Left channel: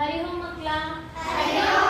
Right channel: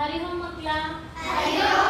हरिओम मकला Hariom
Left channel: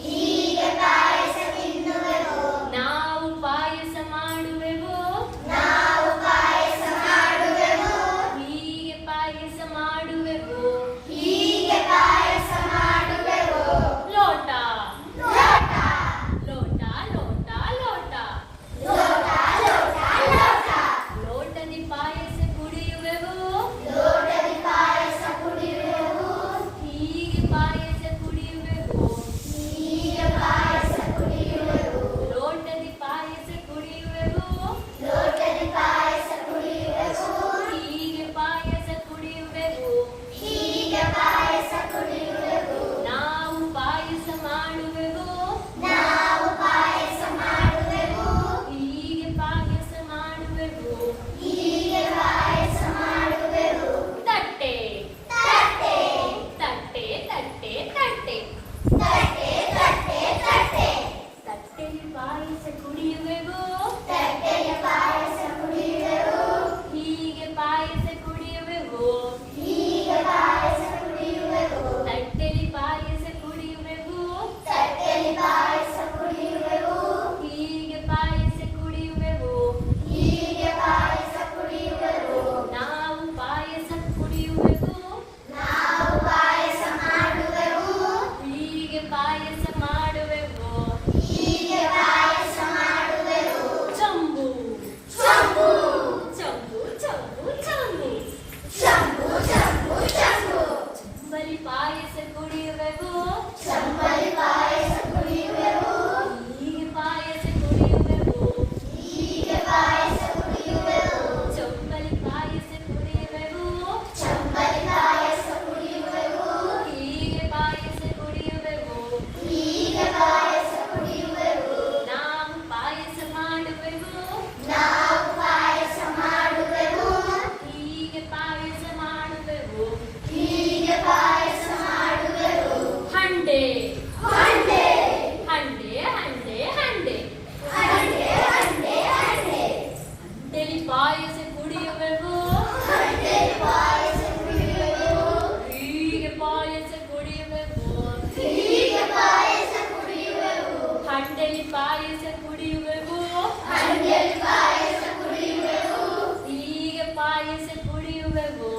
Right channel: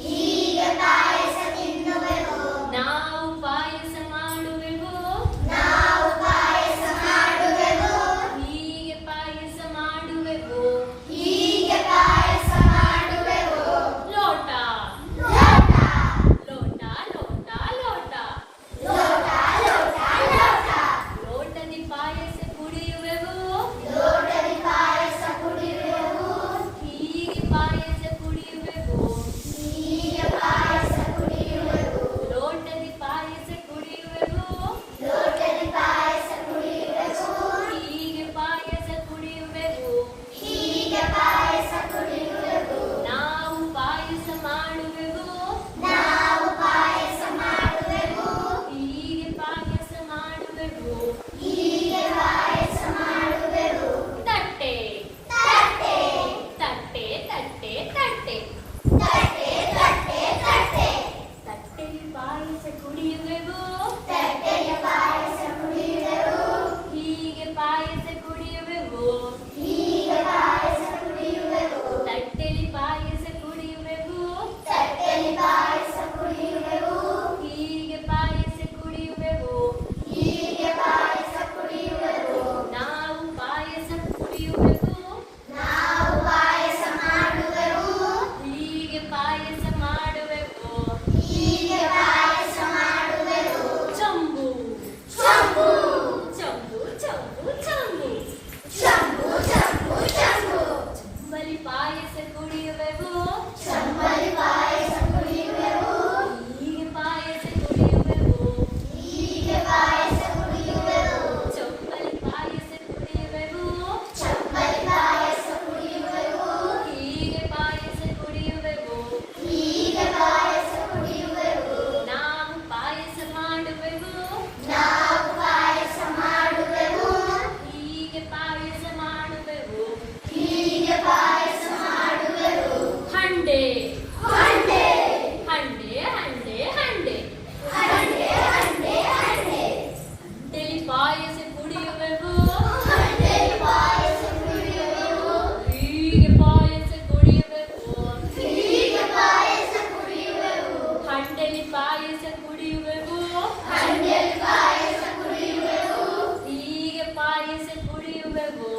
No. levou.